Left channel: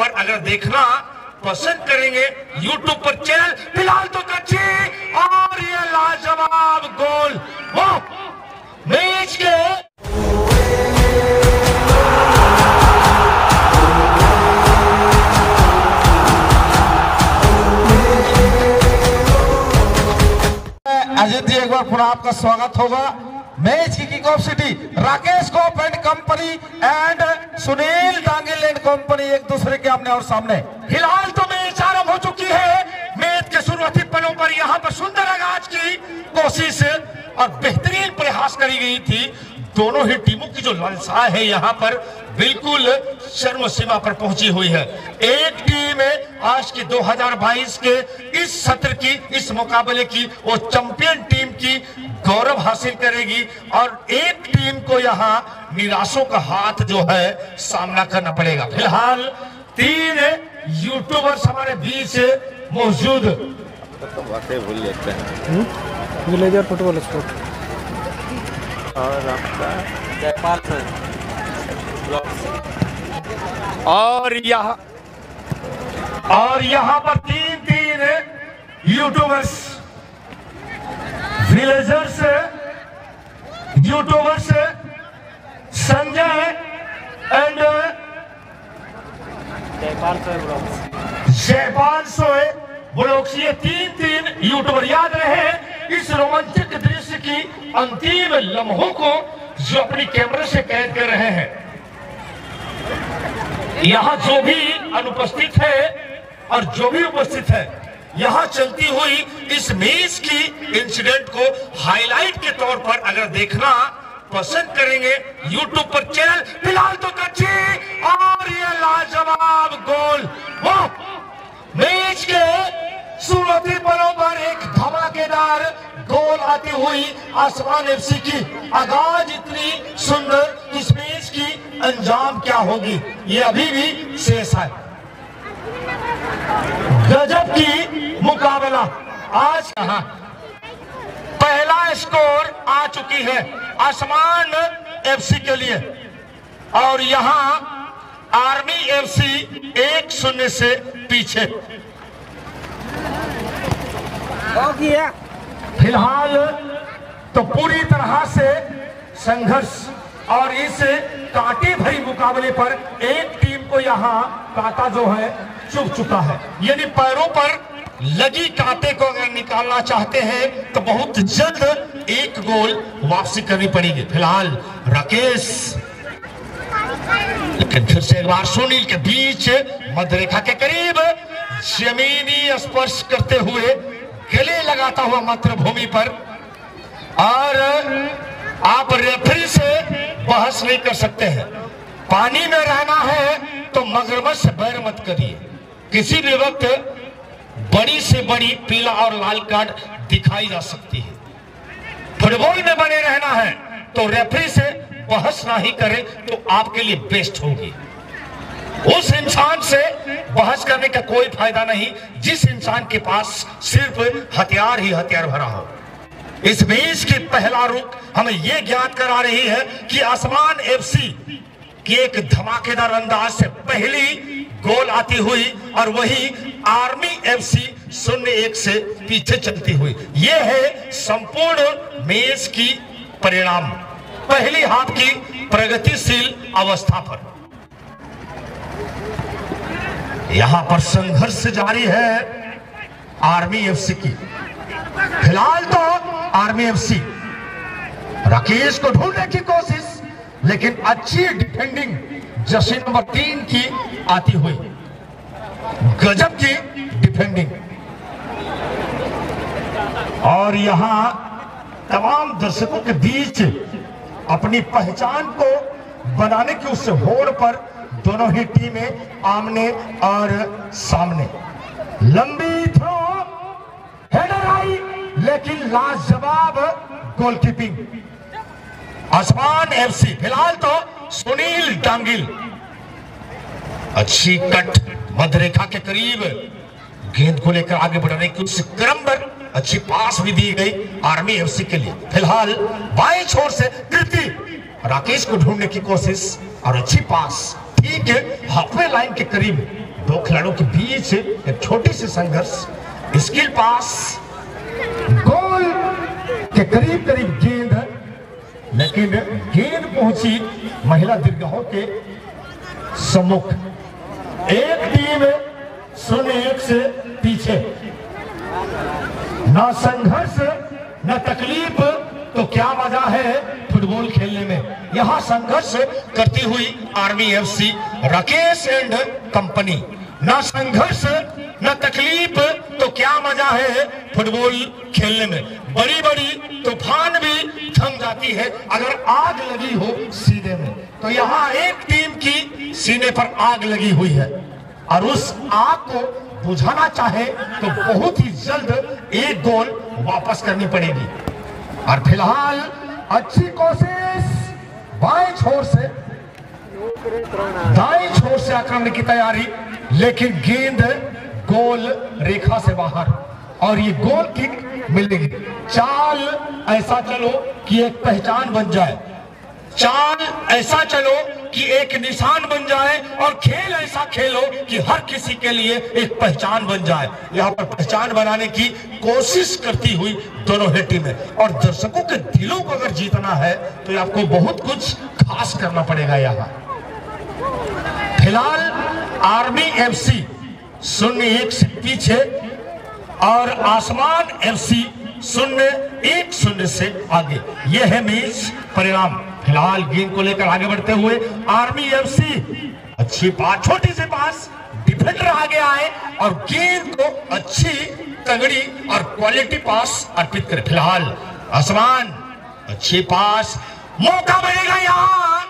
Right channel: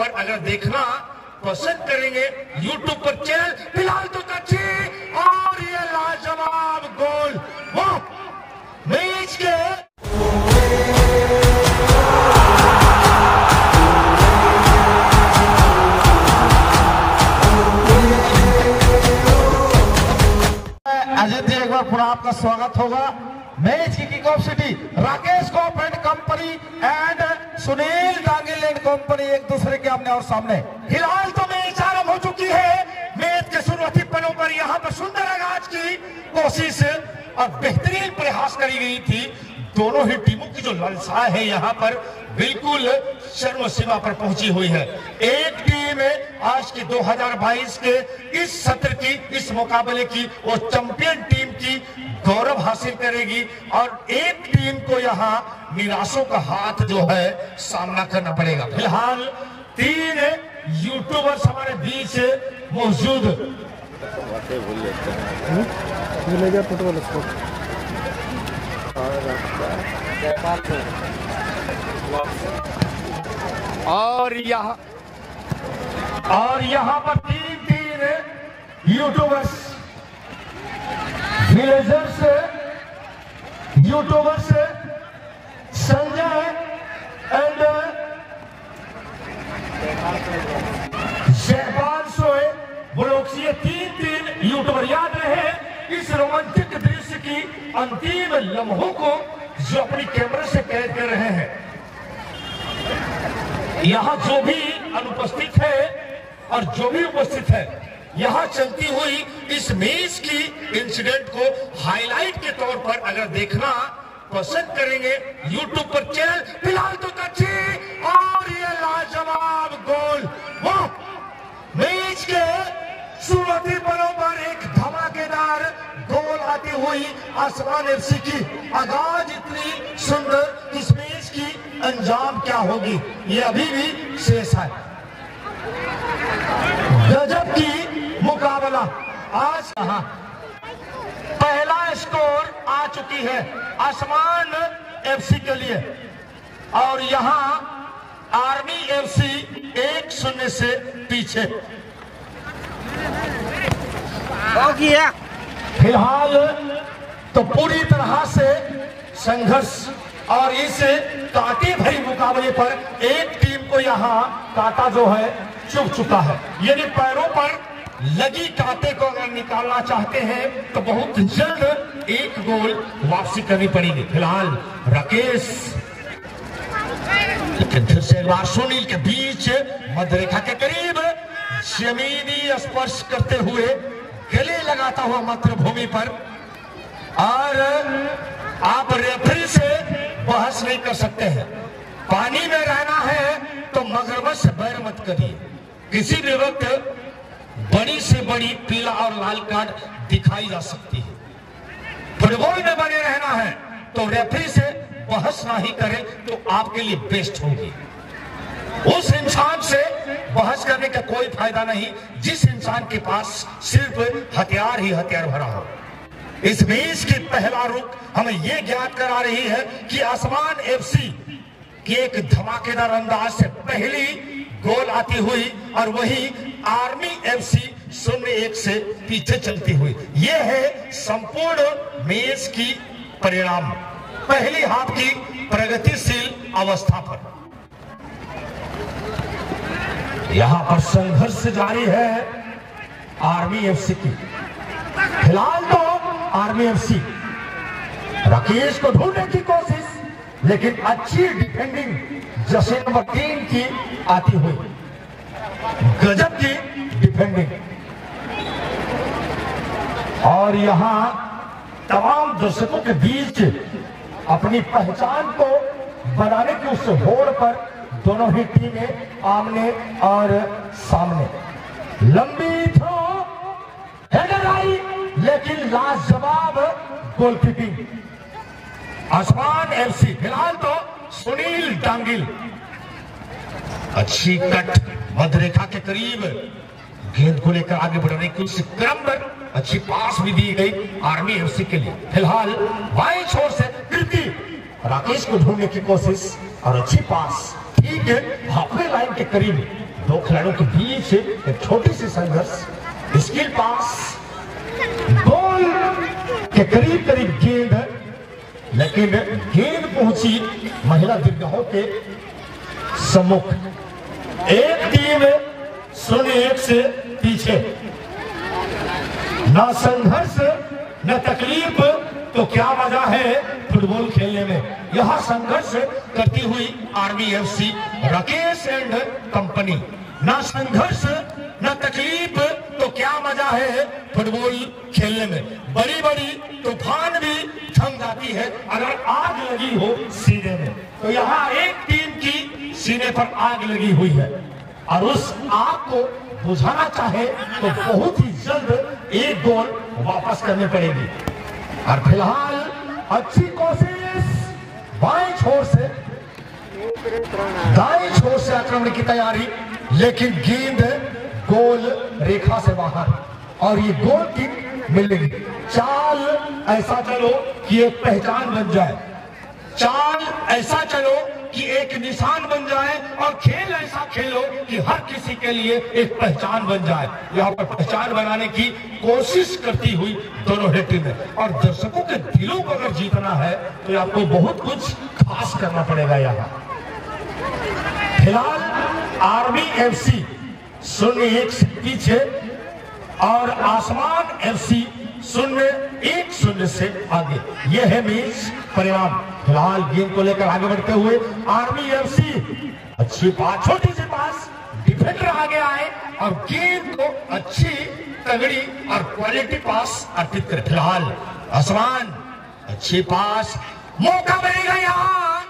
पर अगर देखना पसंद करेंगे YouTube पर चैनल फिलहाल तो कच्ची और ये लाजवाब गोल वो मैच के अजित, एक बार पुनः आपका स्वागत होगा। मैच की किक ऑफ सिटी राकेश कोप एंड कंपनी एंड सुनील डांगिल एंड कंपनी एक दूसरे के अपने और सामने। फिलहाल तो मैच आरंभ हो चुकी है। मैच के शुरुआती पलों पर यहाँ पर सुंदर आगाज की कोशिश और बेहतरीन प्रयास करी गई थी। दोनों ही टीमों की जो ललसा है यहाँ पर बिल्कुल चरम सीमा पर पहुंची हुई है। एक टीम आज की 2022 के इस सत्र की इस मुकाबले की वो चैंपियन टीम की गौरव हासिल करेगी और एक टीम को यहाँ निराशों का हाथ जो है सामना करना पड़ेगा। फिलहाल 3 यूट्यूबर्स हमारे बीच मौजूद विलेजर फुटबॉल स्पोर्ट और यहाँ पर 3 YouTubers villagers YouTubers Sanjay and Jaipal सोए ब्लॉक्स, ये 3 यूट्यूबर। याद रहे इस रोमांचक दृश्य की अंतिम लम्हों को जो अपनी कैमरे से कैद कर रहे हैं। यहाँ जो भी अनुपस्थित है और जो भी उपस्थित है, यहाँ चलती हुई इस मैच की इंसिडेंट को हाईलाइट के तौर पर अगर देखना पसंद करेंगे YouTube पर चैनल फिलहाल तो कच्ची और ये लाजवाब गोल वो मैच के शुरुआती पलों पर एक धमाकेदार गोल आती हुई आसमान एफसी की आगाज इतनी सुंदर, इस मैच की अंजाम क्या होगी ये अभी भी शेष है। गजब की मुकाबला आज यहाँ पहला स्कोर आ चुकी है आसमान एफसी के लिए और यहाँ आर्मी एफसी 1-0 से पीछे। फिलहाल तो पूरी तरह से संघर्ष और इस कांटे भरी मुकाबले पर एक टीम को यहाँ कांटा जो है चुभ चुका है, यानी पैरों पर लगी कांटे को अगर निकालना चाहते हैं तो बहुत जल्द एक गोल वापसी करनी पड़ेगी। फिलहाल राकेश, लेकिन फिर से एक बार सुनील के बीच मध्यरेखा के करीब जमीनी स्पर्श करते हुए गले लगाता हुआ मातृभूमि पर, और आप रेफरी से बहस नहीं कर सकते हैं। पानी में रहना है तो मगरमच्छ से बैर मत करिए। किसी भी वक्त बड़ी से बड़ी पीला और लाल कार्ड दिखाई जा सकती है। फुटबॉल में बने रहना है तो रेफरी से बहस ना ही करें तो आपके लिए बेस्ट होगी। उस इंसान से बहस करने का कोई फायदा नहीं जिस इंसान के पास सिर्फ हथियार ही हथियार भरा हो। इस मैच की पहला रुख हमें यह ज्ञात करा रही है कि आसमान एफसी की एक धमाकेदार अंदाज से पहली गोल आती हुई और वही आर्मी एफसी 0-1 से पीछे चलती हुई। यह है संपूर्ण मैच की परिणाम पहली हाफ की प्रगतिशील अवस्था पर। यहां पर संघर्ष जारी है आर्मी एफसी की। फिलहाल तो आर्मी एफसी राकेश को ढूंढने की कोशिश, लेकिन अच्छी डिफेंडिंग जर्सी नंबर 3 की आती हुई, गजब की डिफेंडिंग। और यहां तमाम दर्शकों के बीच अपनी पहचान को बनाने की उस होड़ पर दोनों ही टीमें आमने और सामने। लंबी थ्रो, हेडर आई, लेकिन लाजवाब गोलकीपिंग आसमान एफसी। फिलहाल तो सुनील डांगिल, अच्छी कट मध्यरेखा के करीब गेंद को लेकर आगे बढ़ाने की उस क्रम पर अच्छी पास भी दी गई आर्मी एफसी के लिए। फिलहाल बाएं छोर से कृति राकेश को ढूंढने की कोशिश और अच्छी पास ठीक है हाफवे लाइन के करीब दो खिलाड़ियों के बीच एक छोटी सी संघर्ष, स्किल पास, गोल के करीब करीब गेंद, लेकिन गेंद पहुंची महिला दीर्घाओं के सम्मुख। एक टीम 0-1 से पीछे। ना संघर्ष न तकलीफ तो क्या मजा है फुटबॉल खेलने में। यहां संघर्ष करती हुई army FC Rakesh and company. ना संघर्ष न तकलीफ तो क्या मजा है फुटबॉल खेलने में। बड़ी बड़ी तूफान भी थम जाती है अगर आग लगी हो सीने में। तो यहाँ एक टीम की सीने पर आग लगी हुई है और उस आग को बुझाना चाहे तो बहुत ही जल्द एक गोल वापस करनी पड़ेगी। और फिलहाल अच्छी कोशिश, बाएं छोर से दाएं छोर से आक्रमण की तैयारी, लेकिन गेंद गोल रेखा से बाहर और ये गोल किक मिलेगी। चाल ऐसा चलो कि एक पहचान बन जाए, चाल ऐसा चलो कि एक निशान बन जाए और खेल ऐसा खेलो कि हर किसी के लिए एक पहचान बन जाए। यहाँ पर पहचान बनाने की कोशिश करती हुई दोनों ही टीमें, और दर्शकों के दिलों को अगर जीतना है तो आपको बहुत कुछ खास करना पड़ेगा। यहाँ फिलहाल आर्मी एफसी 0-1 से पीछे और आसमान एफसी 0-1 से आगे। यह है मैच परिणाम। फिलहाल गेंद को लेकर आगे बढ़ते हुए आर्मी एफसी, अच्छी पास, छोटी सी पास, डिफेंडर आगे आए और गेंद को अच्छी तगड़ी और क्वालिटी पास अर्पित करे। फिलहाल आसमान, अच्छी पास, मौका मिलेगा यहाँ,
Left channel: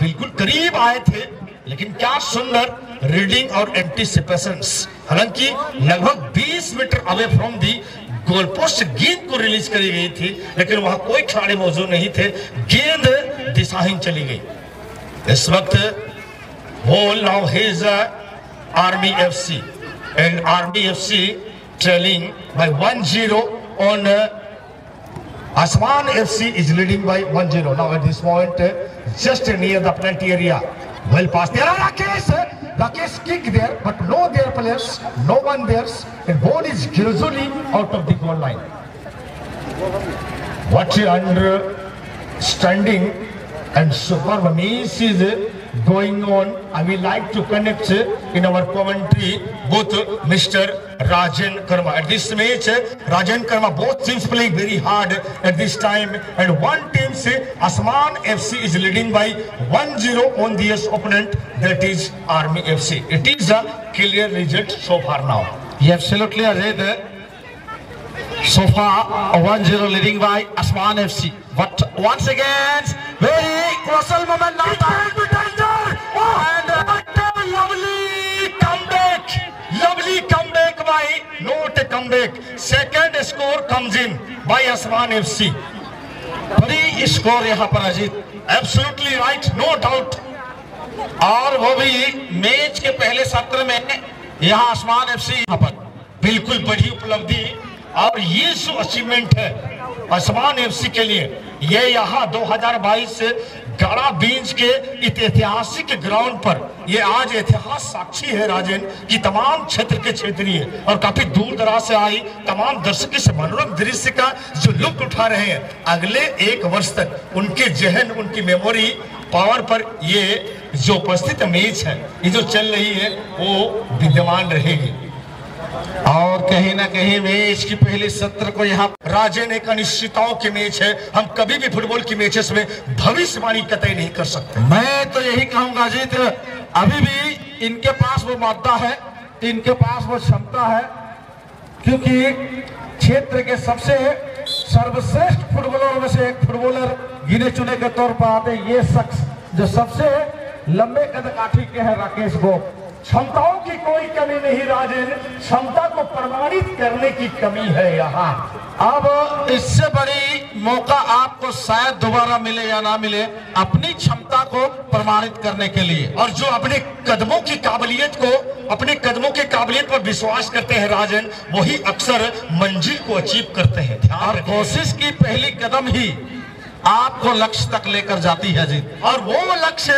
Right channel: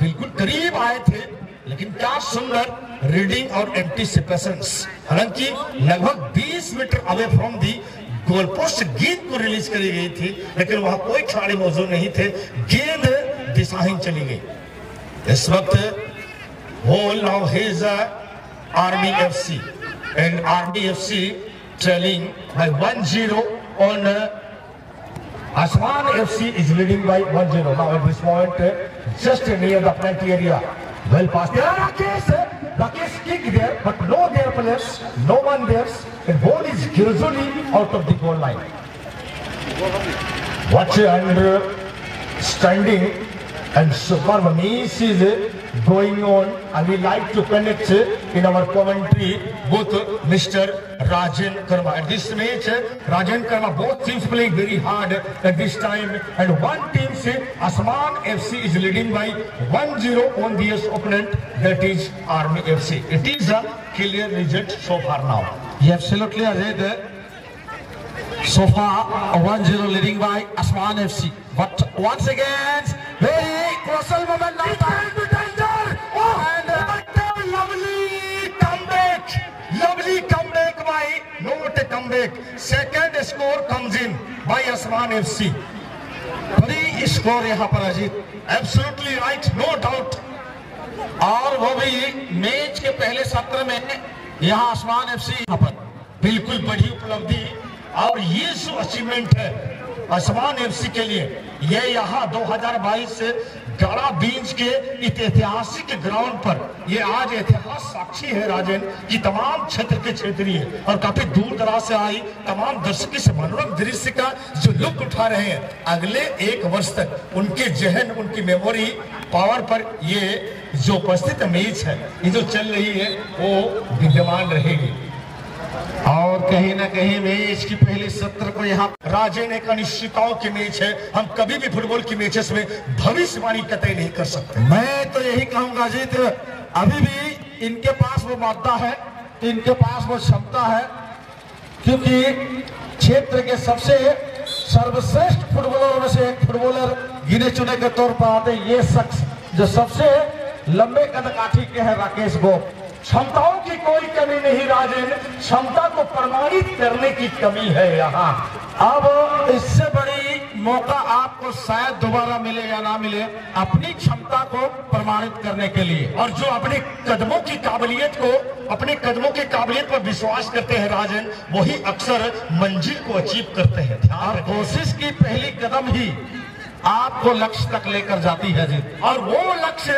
बिल्कुल करीब आए थे लेकिन क्या सुंदर रीडिंग और एंटीसिपेशंस। हालांकि लगभग 20 metre away from the goal post गेंद को रिलीज करी गई थी, लेकिन वहां कोई खिलाड़ी मौजूद नहीं थे, गेंद दिशाहीन चली गई। इस वक्त whole now his Army FC and Army FC trailing by 1-0 on Asman FC is leading by 1-0 now at this point, just near the penalty area. Well passed there, Rakesh kick there, but no there players, no one there, and ball is gradually out of the goal line. What understanding and superb match is going on. I would like to connect in our commentary both Mr. Rajan Karma. At this match, Rajan Karma, both teams playing very hard at this time, and one team say Asman FC is leading by 1-0 on the opponent, that is Army FC. It is a clear result so far now. You absolutely are right. So far 1-0 leading by Asman FC, but once again very crucial moment now. Lovely comeback by, not a comeback, second score comes in by Asman FC. बड़ी score यहाँ पर Ajit, Absolutely right, no doubt. और वो भी match के पहले सत्र में यहाँ आसमान एफसी यहाँ पर बिल्कुल बड़ी उपलब्धि, और ये जो अचीवमेंट है आसमान एफसी के लिए, ये यहाँ 2022 से गाड़ा बीच के ऐतिहासिक ग्राउंड पर ये आज इतिहास साक्षी है राजन कि तमाम क्षेत्र के क्षेत्रीय और काफी दूर दराज से आई तमाम दर्शक इस मनोरम दृश्य का जो लुत्फ उठा रहे हैं। अगले 1 वर्ष तक उनके जहन, उनकी मेमोरी पावर पर ये जो उपस्थित मैच है, ये जो चल रही है, वो विद्यमान रहेगी। और कहीं ना कहीं मैच की पहले सत्र को यहाँ राजन एक अनिश्चितताओं की मैच है। हम कभी भी फुटबॉल की मैचेस में भविष्यवाणी कतई नहीं कर सकते। मैं तो यही कहूंगा जीत, अभी भी इनके पास वो मादा है, इनके पास वो क्षमता है, क्योंकि क्षेत्र के सबसे सर्वश्रेष्ठ फुटबॉलरों में से एक फुटबॉलर गिने चुने के तौर पर आते ये शख्स जो सबसे लंबे कदकाठी के हैं राकेश गोप। क्षमताओं की कोई कमी नहीं राजन, क्षमता को प्रमाणित करने की कमी है यहाँ। अब इससे बड़ी मौका आपको शायद दोबारा मिले या ना मिले अपनी क्षमता को प्रमाणित करने के लिए, और जो अपने कदमों की काबिलियत को, अपने कदमों की काबिलियत पर विश्वास करते हैं राजन, वही अक्सर मंजिल को अचीव करते हैं। और कोशिश की पहली कदम ही आपको लक्ष्य तक लेकर जाती है जी, और वो लक्ष्य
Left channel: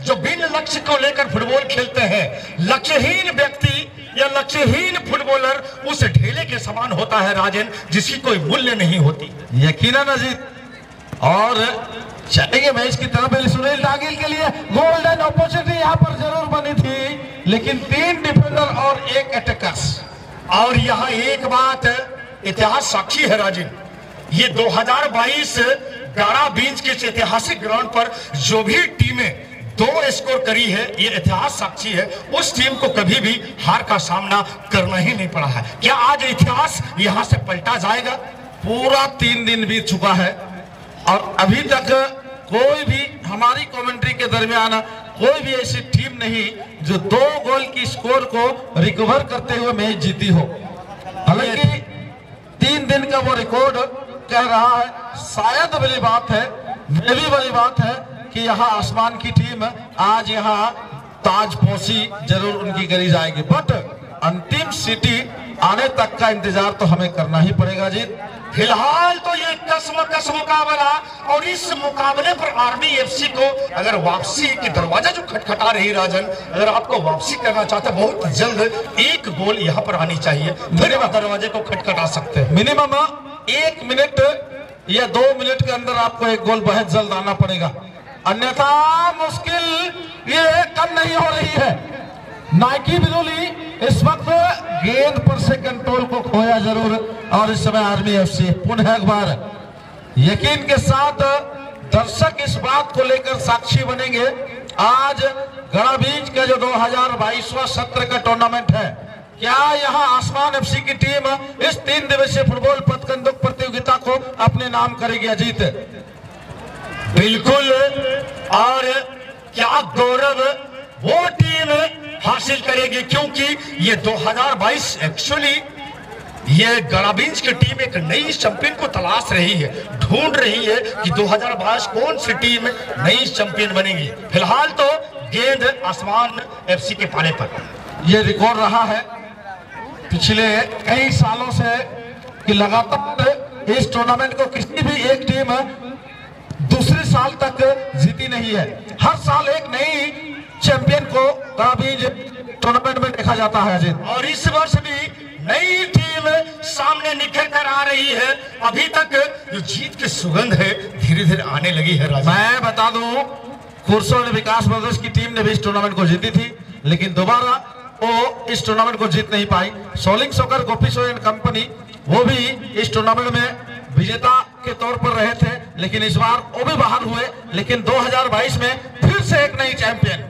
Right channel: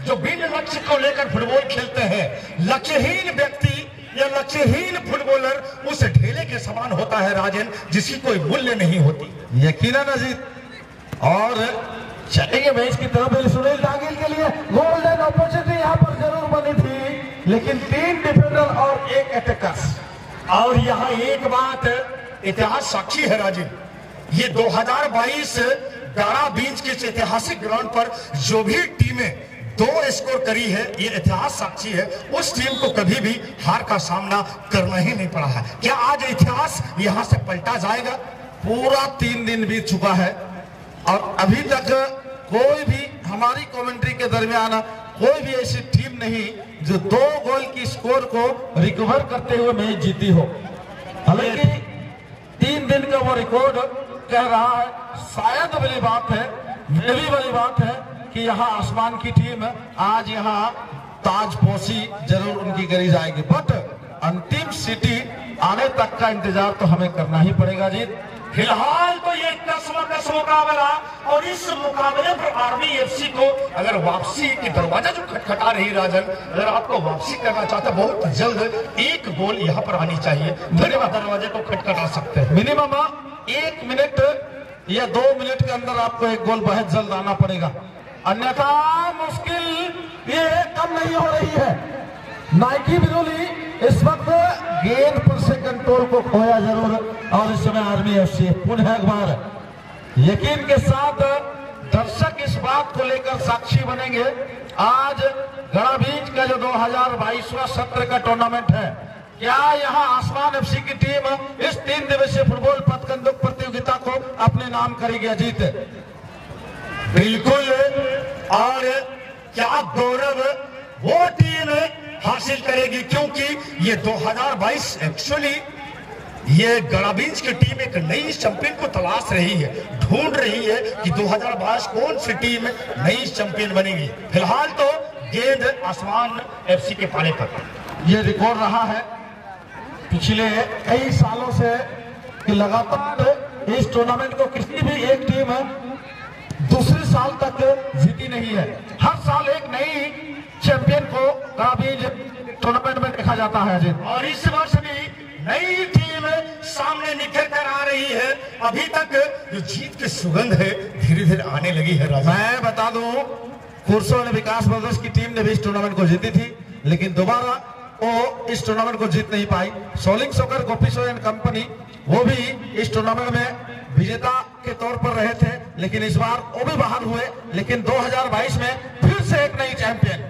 जो बिन लक्ष्य को लेकर फुटबॉल खेलते हैं, लक्ष्यहीन व्यक्ति या लक्ष्यहीन फुटबॉलर उस ढेले के समान होता है राजन, जिसकी कोई मूल्य नहीं होती। यकीनन अजीत। और चलेंगे मैच की तरफ। सुनील डागिल के लिए गोल्डन अपॉर्चुनिटी यहाँ पर जरूर बनी थी, लेकिन 3 डिफेंडर और 1 अटैकर्स। और यहाँ एक बात इतिहास साक्षी है राजन, ये 2022 गाड़ा बीच के ऐतिहासिक ग्राउंड पर जो भी टीमें 2 स्कोर करी है, ये इतिहास साक्षी है, उस टीम को कभी भी हार का सामना करना ही नहीं पड़ा है। क्या आज इतिहास यहाँ से पलटा जाएगा? पूरा 3 दिन बीत चुका है और अभी तक कोई भी हमारी कमेंट्री के दरमियान कोई भी ऐसी टीम नहीं जो 2 गोल की स्कोर को रिकवर करते हुए मैच जीती हो। हालांकि 3 दिन का वो रिकॉर्ड कह रहा है। शायद बड़ी बात है, ये भी बड़ी बात है कि यहाँ आसमान की टीम आज यहाँ ताजपोशी जरूर उनकी करी जाएगी, बट अंतिम सिटी आने तक का इंतजार तो हमें करना ही पड़ेगा जी। फिलहाल तो ये कस मुकाबला, और इस मुकाबले पर आर्मी एफसी को अगर वापसी की दरवाजा जो खटखटा रही राजन, अगर आपको वापसी करना चाहते बहुत जल्द 1 गोल यहाँ पर आनी चाहिए, फिर दरवाजे को खटखटा सकते हैं। मिनिमम 1 मिनट या 2 मिनट के अंदर आपको 1 गोल बहुत जल्द आना पड़ेगा, अन्यथा मुश्किल ये कम नहीं हो रही है। नाइकी बिजोली इस वक्त गेंद पर से कंट्रोल को खोया जरूर, और इस समय आर्मी एफसी पुनः एक बार यकीन के साथ दर्शक इस बात को लेकर साक्षी बनेंगे। आज गड़ा बीच का जो 2022वां सत्र का टूर्नामेंट है, क्या यहाँ आसमान एफसी की टीम इस 3 दिवसीय फुटबॉल पथकंदुक प्रतियोगिता को अपने नाम करेगी अजीत? बिल्कुल, और क्या गौरव वो टीम हासिल करेगी, क्योंकि ये 2022 एक्चुअली ये गड़ाबींज की टीम एक नई चैंपियन को तलाश रही है, ढूंढ रही है कि 2022 कौन सी टीम नई चैंपियन बनेगी। फिलहाल तो गेंद आसमान एफसी के पाने पर। ये रिकॉर्ड रहा है पिछले कई सालों से कि लगातार इस टूर्नामेंट को किसी भी एक टीम दूसरे साल तक जीती नहीं है। हर साल एक नई चैंपियन को गड़ाबींज टूर्नामेंट में देखा जाता है अजीत, और इस वर्ष भी नई टीम सामने निकल कर आ रही है। अभी तक जो जीत की सुगंध है धीरे धीरे आने लगी है राजा। मैं बता दूं, कुर्सो ने विकास ब्रदर्स की टीम ने भी इस टूर्नामेंट को जीती थी, लेकिन दोबारा वो इस टूर्नामेंट को जीत नहीं पाई। सोलिंग सोकर गोपीसो एंड कंपनी वो भी इस टूर्नामेंट में विजेता के तौर पर रहे थे, लेकिन इस बार वो भी बाहर हुए। लेकिन 2022 में फिर से एक नई चैंपियन,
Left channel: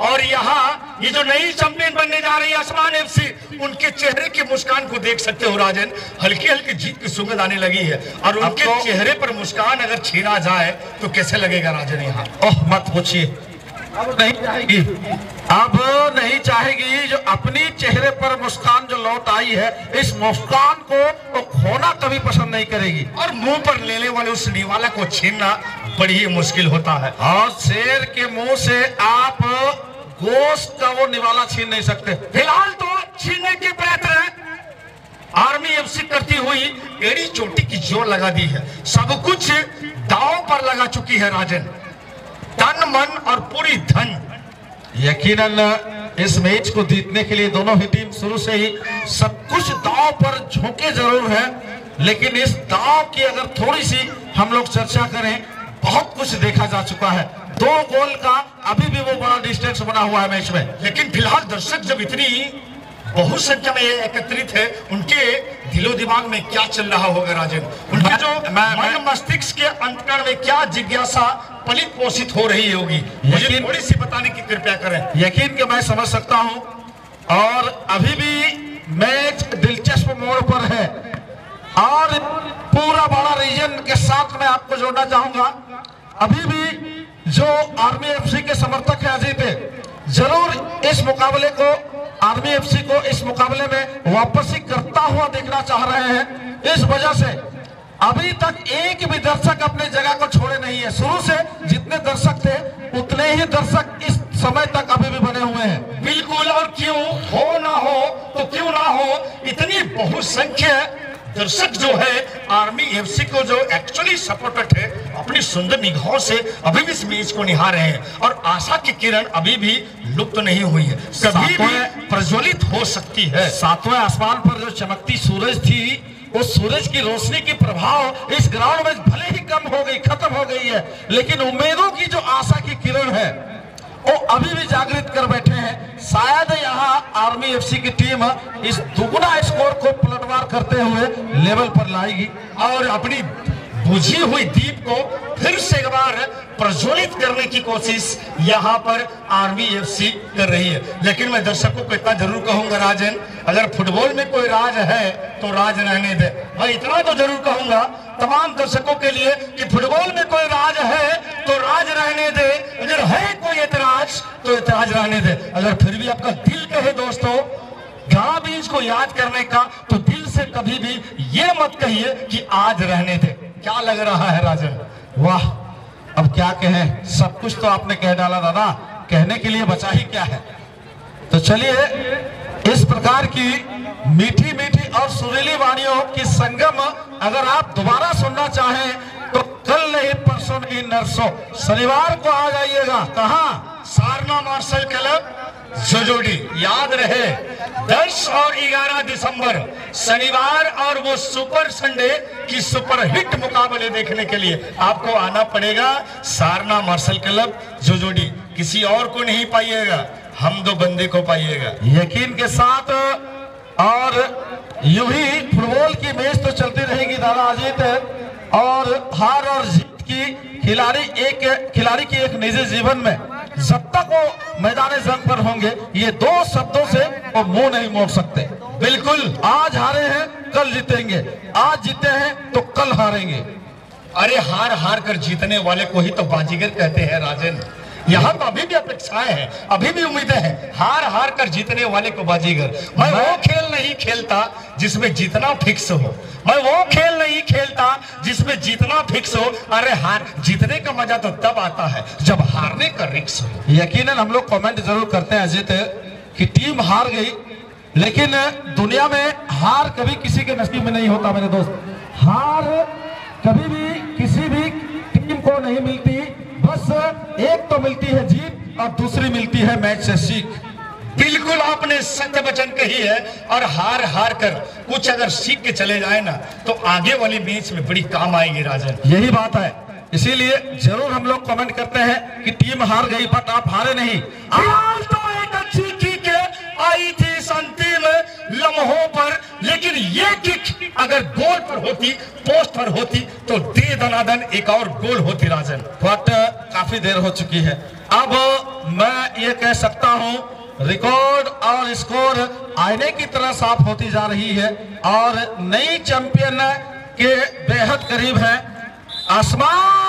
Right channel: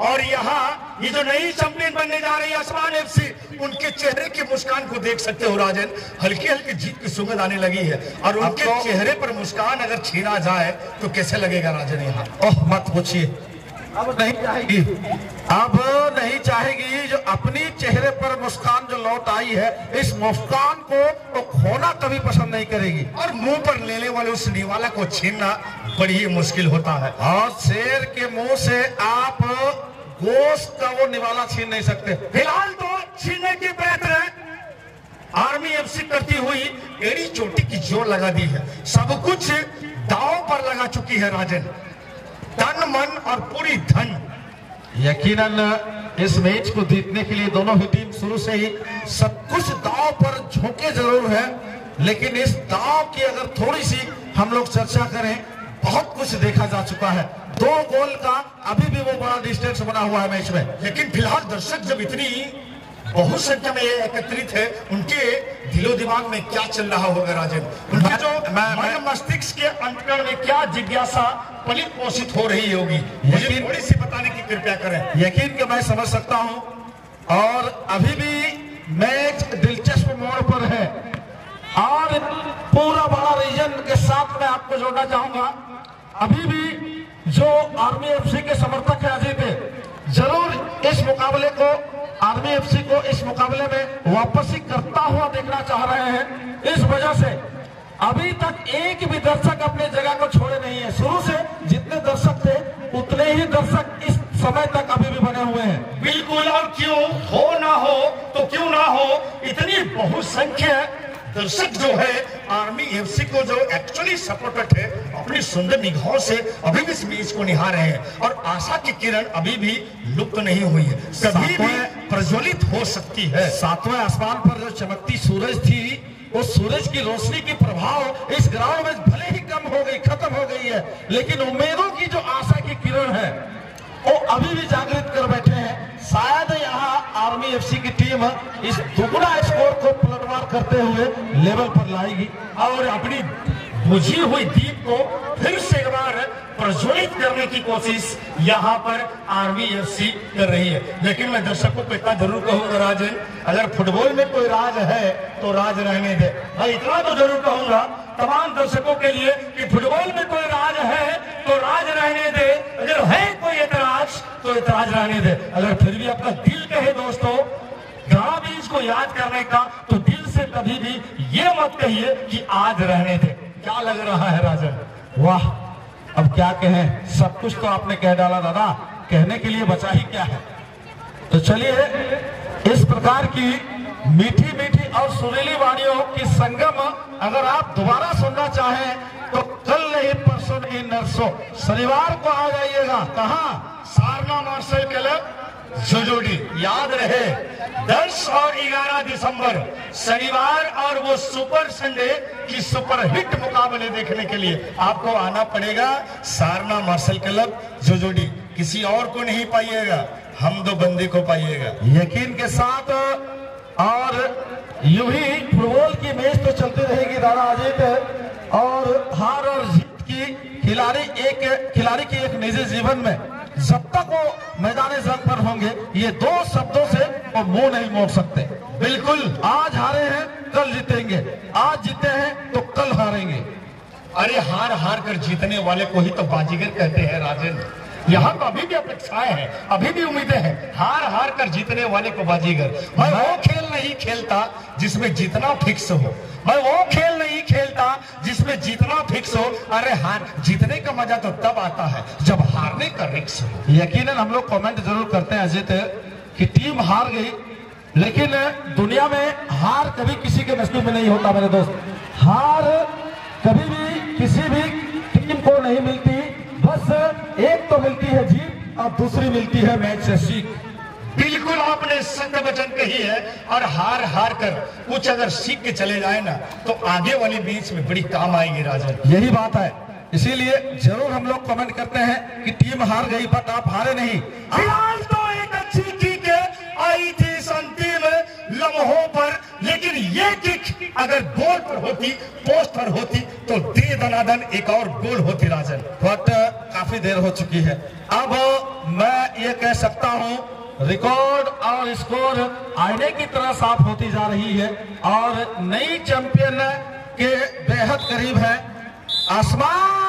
और यहाँ ये जो नई चैंपियन बनने जा रही है आसमान एफसी, उनके चेहरे की मुस्कान को देख सकते हो राजन, हल्की हल्की जीत की सुगंध आने लगी है। और उनके तो चेहरे पर मुस्कान अगर छीना जाए तो कैसे लगेगा राजन? यहाँ ओह मत पूछिए, अब नहीं चाहेगी, अब नहीं चाहेगी। जो अपनी चेहरे पर मुस्कान जो लौट आई है, इस मुस्कान को तो खोना कभी पसंद नहीं करेगी। और मुंह पर लेने वाले उस निवाला को छीनना बड़ी ही मुश्किल होता है, और शेर के मुंह से आप गोश्त का वो निवाला छीन नहीं सकते। फिलहाल तो छीनने के प्रयत्न आर्मी एफसी करती हुई एड़ी चोटी की जोर लगा दी है। सब कुछ दांव पर लगा चुकी है राजन, तन मन और पूरी धन। यकीनन इस मैच को जीतने के लिए दोनों ही टीम शुरू से ही सब कुछ दांव पर झोंके जरूर है, लेकिन इस दांव की अगर थोड़ी सी हम लोग चर्चा करें, बहुत कुछ देखा जा चुका है। 2 गोल का अभी भी वो बड़ा डिस्टेंस बना हुआ है मैच में। लेकिन फिलहाल दर्शक जब इतनी बहुत संख्या में एकत्रित है, उनके दिलो दिमाग में क्या चल रहा होगा राजन? उनके जो मन मस्तिष्क के अंतकण में क्या जिज्ञासा पलित पोषित हो रही होगी, मुझे थोड़ी सी बताने की कृपया करें। यकीन के मैं समझ सकता हूं, और अभी भी मैच दिलचस्प मोड़ पर है, और पूरा बड़ा रीजन के साथ मैं आपको जोड़ना चाहूंगा। अभी भी जो आर्मी एफसी के समर्थक है अजीत, जरूर इस मुकाबले को आर्मी एफसी को इस मुकाबले में वापसी करता हुआ देखना चाह रहे हैं। इस वजह से अभी तक एक भी दर्शक अपने जगह को छोड़े नहीं है। शुरू से जितने दर्शक थे उतने ही दर्शक इस समय तक अभी भी बने हुए हैं। बिल्कुल, और क्यों हो ना हो तो क्यों ना हो, इतनी बहुसंख्य दर्शक जो है आर्मी एफसी को जो एक्चुअली सपोर्टेड है अपनी सुंदर निगाहों से अभी भी इस मैच को निहार रहे हैं और आशा की किरण अभी भी लुप्त नहीं हुई है, कभी भी प्रज्वलित हो सकती है। सातवें आसमान पर जो चमकती सूरज थी, उस सूरज की रोशनी की प्रभाव इस ग्राउंड में भले ही कम हो गई, खत्म हो गई है, लेकिन उम्मीदों की जो आशा की किरण है वो अभी भी जागृत कर बैठे हैं। शायद यहाँ आर्मी एफसी की टीम इस दुगुना स्कोर को पलटवार करते हुए लेवल पर लाएगी और अपनी बुझी हुई दीप को फिर से एक बार प्रज्वलित करने की कोशिश यहाँ पर आर्मी एफसी कर रही है। लेकिन मैं दर्शकों को इतना जरूर कहूंगा राजन, अगर फुटबॉल में कोई राज है तो राज रहने दे। मैं इतना तो जरूर कहूंगा तमाम दर्शकों के लिए कि फुटबॉल में कोई राज है तो राज रहने दे, अगर है कोई एतराज तो एतराज रहने दे। अगर फिर भी आपका दिल कहे दोस्तों गाना भी इसको याद करने का, तो दिल से कभी भी ये मत कहिए कि आज रहने दे। क्या लग रहा है राजन? वाह, अब क्या कहें, सब कुछ तो आपने कह डाला दादा, कहने के लिए बचा ही क्या है। तो चलिए इस प्रकार की मीठी मीठी और सुरीली वाणियों की संगम अगर आप दोबारा सुनना चाहें तो कल नहीं परसों की नरसों शनिवार को आ जाइएगा। कहाँ? सारना मार्शल क्लब जोजोडी। याद रहे 10 और 11 दिसंबर शनिवार और वो सुपर संडे की सुपर हिट मुकाबले देखने के लिए आपको आना पड़ेगा सारना मार्शल क्लब जोजोडी। किसी और को नहीं पाइएगा, हम दो बंदे को पाइएगा यकीन के साथ। और यूं ही फुटबॉल की मैच तो चलती रहेगी दादा अजीत, और हार और जीत की खिलाड़ी की एक निजी जीवन में जब तक वो मैदान जंग पर होंगे ये दो शब्दों से वो मुंह नहीं मोड़ सकते। बिल्कुल, आज हारे हैं कल जीतेंगे, आज जीते हैं तो कल हारेंगे। अरे हार हार कर जीतने वाले को ही तो बाजीगर कहते हैं राजन। यहाँ तो अभी भी अपेक्षाएं हैं, अभी भी उम्मीदें हैं। हार हार कर जीतने वाले को बाजीगर। मैं वो खेल नहीं खेलता जिसमें जीतना फिक्स हो, मैं वो खेल नहीं खेलता जिसमें जीतना फिक्स हो। अरे हार जीतने का मजा तो तब आता है जब हारने का रिक्स हो। यकीनन हम लोग कमेंट जरूर करते हैं अजीत कि टीम हार गई, लेकिन दुनिया में हार कभी किसी के नसीब में नहीं होता मेरे दोस्त। हार कभी भी किसी भी टीम को नहीं मिलती, बस एक तो मिलती है जीत और दूसरी मिलती है मैच से सीख। बिल्कुल आपने सत्य वचन कही है। और हार हार कर कुछ अगर सीख के चले जाए ना तो आगे वाली मैच में बड़ी काम आएगी राजन। यही बात है, इसीलिए जरूर हम लोग कमेंट करते हैं कि टीम हार गई बट आप हारे नहीं। आज तो एक अच्छी किक आई थी अंतिम लम्हों पर, लेकिन ये किक अगर गोल पर होती, पोस्ट पर होती तो दे दनादन एक और गोल होती राजन। बट काफी देर हो चुकी है। अब मैं ये कह सकता हूँ रिकॉर्ड और स्कोर आईने की तरह साफ होती जा रही है और नई चैंपियन के बेहद करीब है। आसमान